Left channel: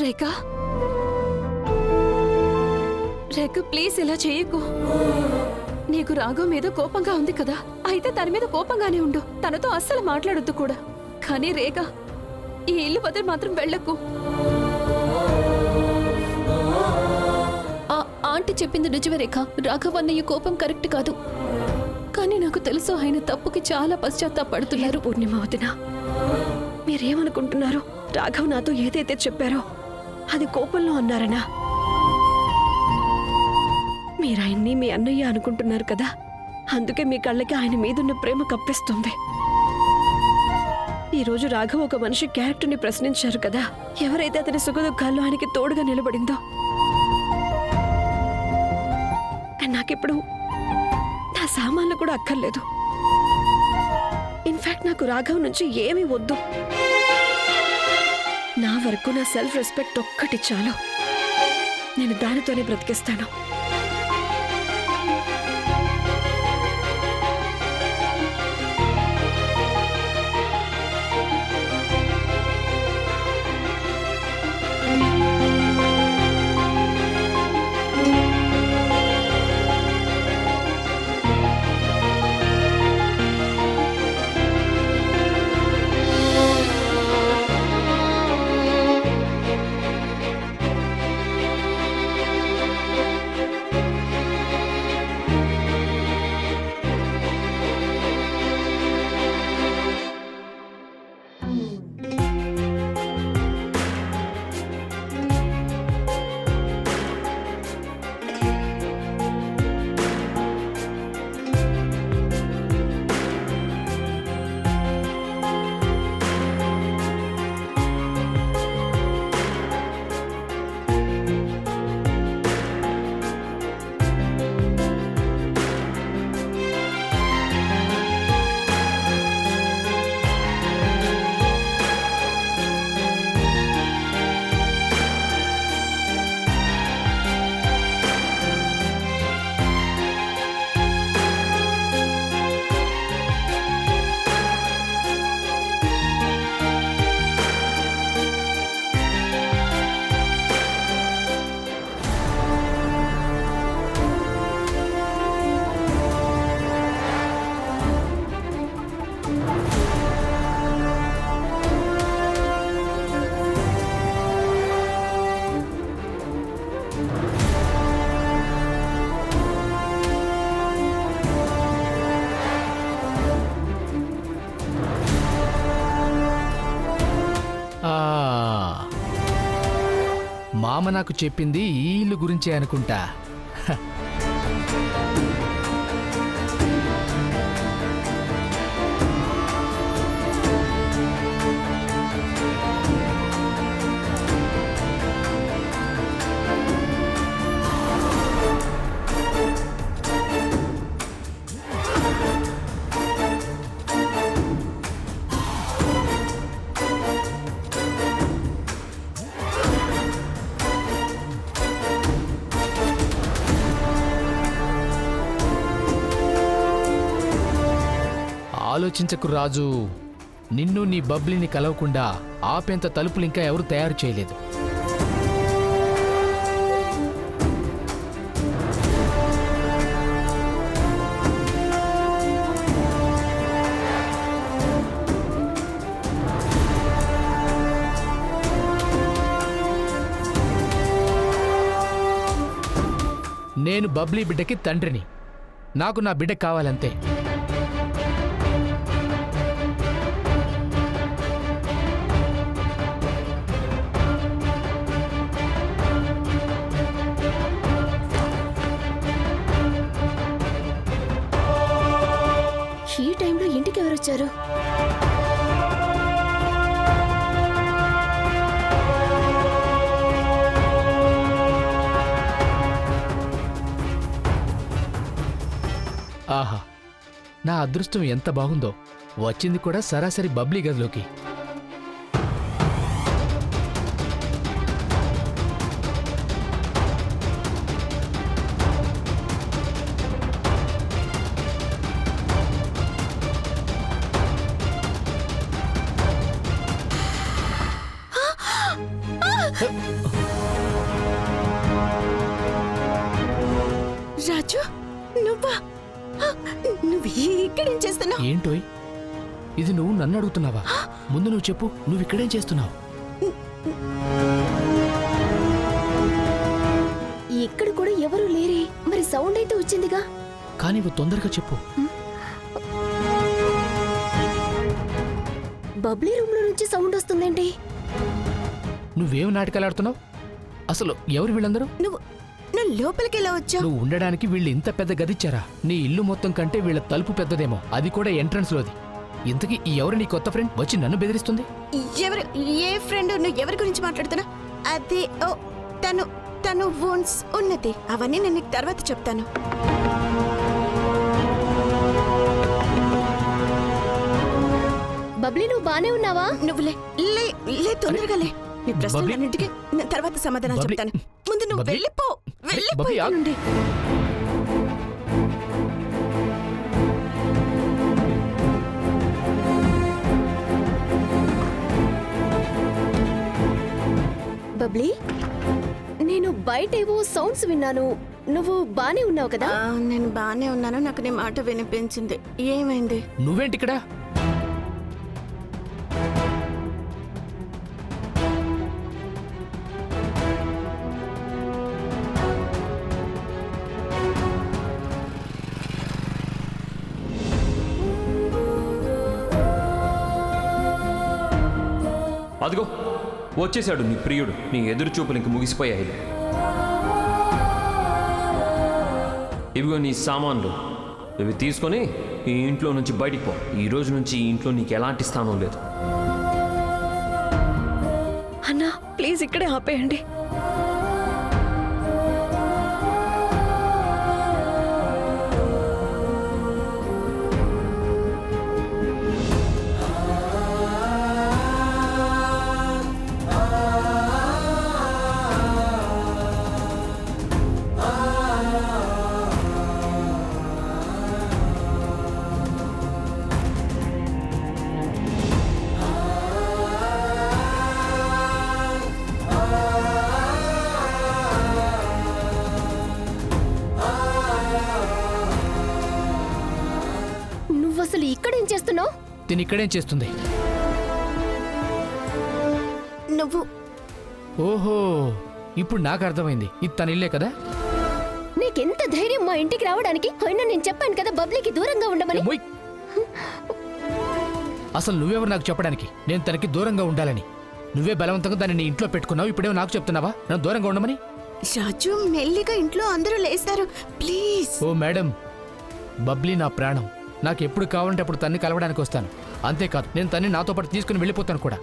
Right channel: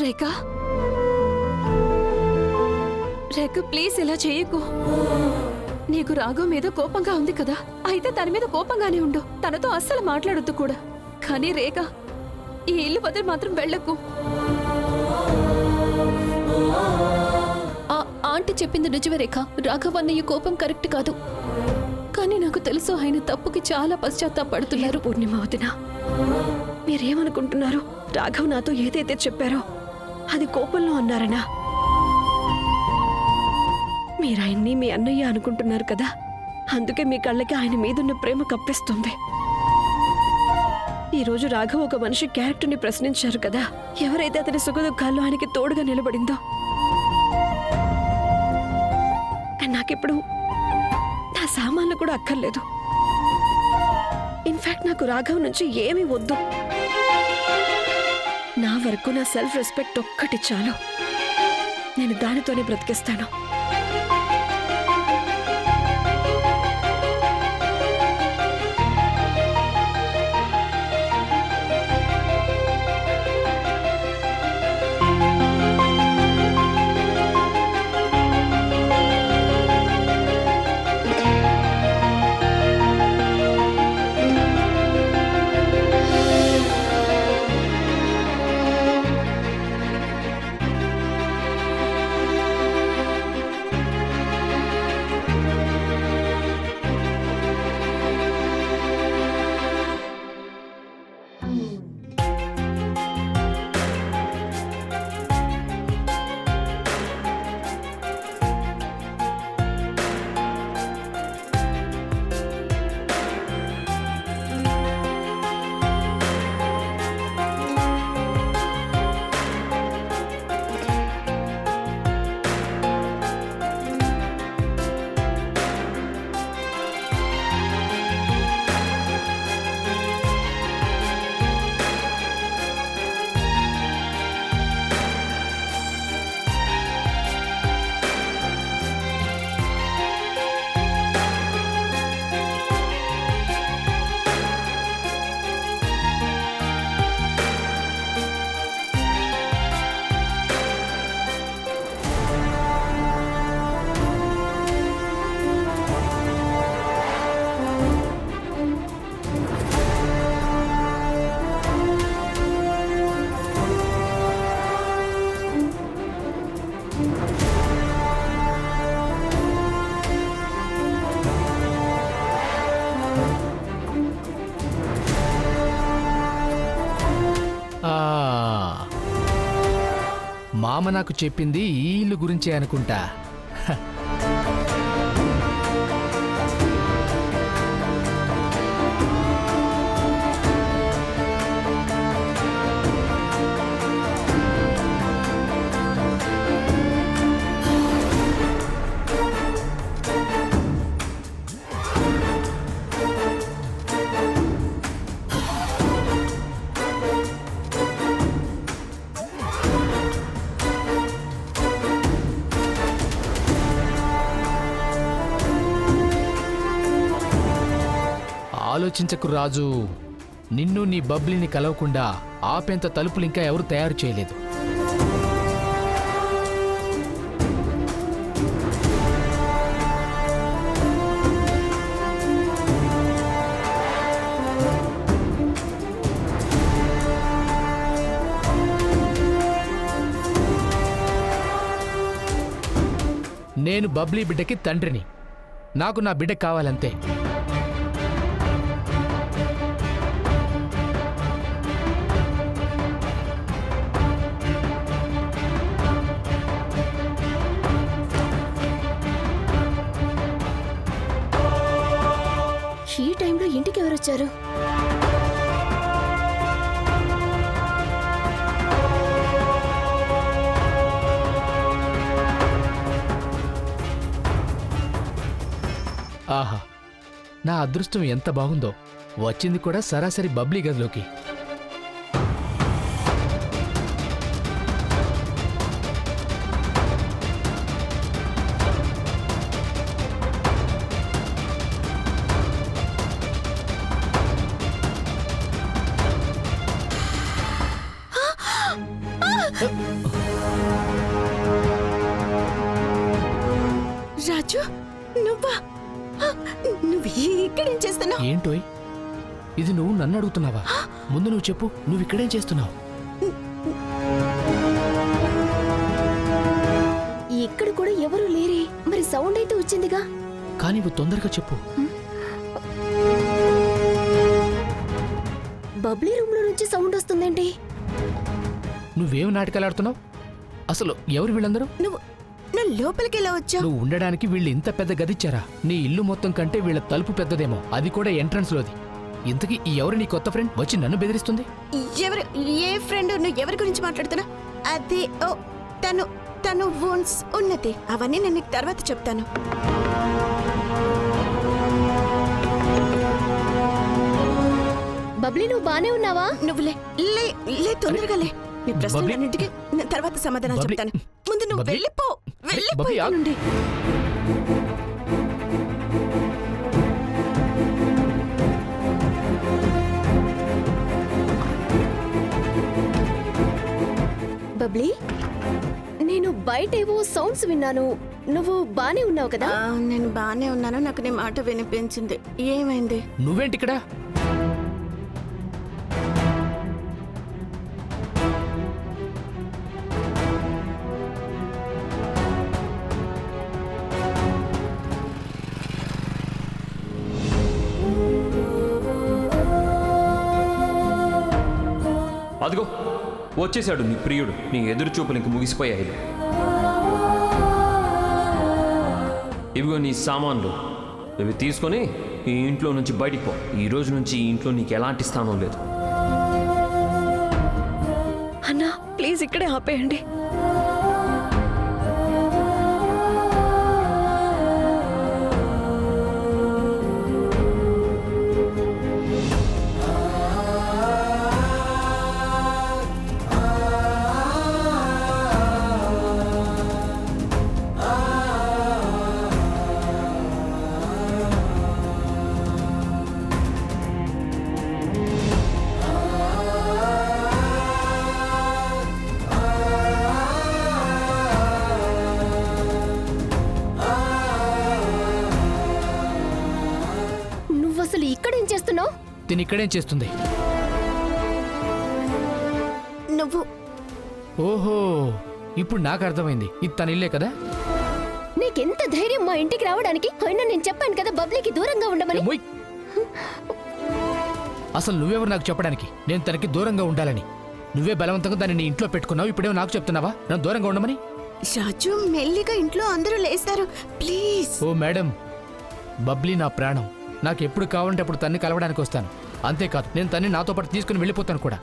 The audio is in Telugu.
రేఖ రేఖ ప్లీజ్ ఇలా చేయకు. నీకు రాఘవ్ మీద కోపంగా ఉంది కదా, అయితే తన మీద కోపంగానే ఉండు. తనతో అస్సలు మాట్లాడొద్దు కూడా. కానీ రేఖ ఈ ఇల్లు వదిలి మాత్రం వెళ్ళకు. ఆంటీ చెప్పింది నిజమే రేఖ. రాఘవ్ అన్నయ్య కోపం కరెక్ట్ కాదు. కానీ నాకు తెలుసు ఆయన తప్పుకి చాలా పశ్చాత్తాపడుతున్నారు. పూర్ణిమ వదిన, మీరేమనుకుంటున్నారు? రాఘవ్ నాతో ఏదైతే చెప్పారో అది కోపంలో అన్నారనా? మీరాయన్ని మీ అన్నయ్య అనుకుంటున్నారు కదా, అందుకే మీ కళ్ళకి ఆయన మీదున్న ప్రేమ కప్పిస్తుంది. ఈరోజు రాఘవ్ ఒక మనిషి క్యారెక్టర్ని ప్రశ్నించారు కదా, ఎవరైతే అతని సుఖదుఖాల్లో ఆయనకి తోడుగా నిలబడిందో. నాకిప్పుడు నా సామాన్లు కూడా అక్కర్లేదు. ఇన్ఫాక్ట్ నాకు రాఘవ్ నుంచి ఏమీ వద్దు. నా వరకు నా సెల్ఫ్ రెస్పెక్ట్ ఒక్కటి చాలు. నేను దానితోనే బ్రతికిస్తాను. మామ నాకు చెప్పింది ఈ ఇల్లు గురించే అనుకుంటా. ఆలోచించకు రాజు, నిన్ను నీ బబ్లీని కలవకుండా ఆపెంత తలుపులు ఇంకా ఎవరు తయారు చేయలేదు. నేను బబ్లీ బిడ్డకి తండ్రిని. నాకు నా బిడ్డ కావాలంతే. ఈ టైంలో ఇంటికి ఎవరొచ్చారు? ఆహా, నా అదృష్టం ఎంత బాగుందో. వచ్చింది కూడా సరాసరి బబ్లీ గదిలోకి. రాజు నువ్వా నువ్వు ఇక్కడేం చేస్తున్నావు? ఏంటోయ్ ఇది నువ్వు నన్ను అడుగుతున్నావా? ముందు నువ్వు చెప్పు, నువ్వు ఇక్కడేం చేస్తున్నావు? ఇక్కడ కూడా ఎవరు లేరే, మరి సౌండ్ అయితే వచ్చిందిగా. కానీ నువ్వు తొందరగా చెప్పు. బబ్లీ రూమ్ లో నుంచి సౌండ్ వస్తుందేంటి? నువ్వేం నాటకాలు ఆడుతున్నావు? అసలు ఎవరు వీళ్ళందరూ? నువ్వు లోపలికి ఎలా వచ్చావు? నువ్వు ఉండడానికి వీళ్ళు ఇంత పెద్ద గదిచ్చారా? నీ ఇల్లు మొత్తం కంటే వీళ్ళ తలుపు పెద్దదేమో, అది కూడా ఎంట్రన్స్ లోది. ఇంతకీ ఈ ఎవరు నీ కొత్త ఫ్రెండ్ వచ్చి నన్ను బెదిరిస్తుంది? ఎవరు? ఏ ఫ్రెండ్? నువ్వు ఎవరి గురించి మాట్లాడుతున్నా? అదే ఓ తను వోన్స్ ఉన్నది. అవన్నీ నేను నీకు తర్వాత చెప్తాను. బబ్లీ నువ్వు బానే ఉన్నావా? నువ్వు లే తొందరగా లే. నీ ప్రశ్నలన్నింటికి నేను తర్వాత సమాధానం బబ్లీ, చెప్తాను. ముందు నువ్వు బబ్లీ, వెళ్ళిపో. బబ్లీ, ఆగు. నుండి బబ్లీ, నేను బయట ఏవో సౌండ్స్ విన్నాను. నువ్వు బానే ఉన్నావు కదా? నేను బానే ఉన్నాను. నాకు నీ మాట వినిపించింది. ఏమైంది? నువ్వేంటి ఇక్కడ? అదిగో వచ్చేసాడు నీ ప్రియుడు. నీ ఎదురు చూపులు ఇంక ముగిసిపోయాయి. ఇవిగో నీ సామాన్లు, ఇవి తీసుకొని ఈ ఇంట్లో నుంచి బయటికి పో. ఈ రోజు నుంచి ఈ ఇంట్లో నీకు ఎలాంటి స్థానం లేదు. అన్నా ప్లీజ్ ఇక్కడే ఆపేయండి. అసలు ఇక్కడేం చేస్తున్నావు? తిని ఇక్కడేం చేస్తుంది? నువ్వు ఓహో, ఇప్పుడు నాకు అర్థమైంది. ఇది తన ఇల్లే కదా? నీకెంత ధైర్యం మా ఇంటికి రావడానికి? అయినా నేను చెప్పాను కదా బబ్లీకి దూరంగా ఉండమని. మొయ్. అసలు నువ్వెవరు నాకు చెప్పడానికి నేను తనకి దూరంగా ఉండాలని? నువ్వే బలవంతంగా దాన్ని నీ ఇంట్లో పెట్టుకున్నావు. ఇప్పుడేమో నాకు చెప్తున్నావా నన్ను దూరంగా ఉండమని? రాజు మెల్లిగా, ఇంట్లో అందరూ లేస్తారు ప్లీజ్. ఓ మేడం, బబ్లీ నా ప్రాణం. నాకు ఎప్పుడు కావాలంటే అప్పుడు తన్ని కలవడానికి వస్తాను. అంతేకాదు నేను తన్ని నాతో పాటు తీసుకుని వెళ్ళిపోతాను కూడా.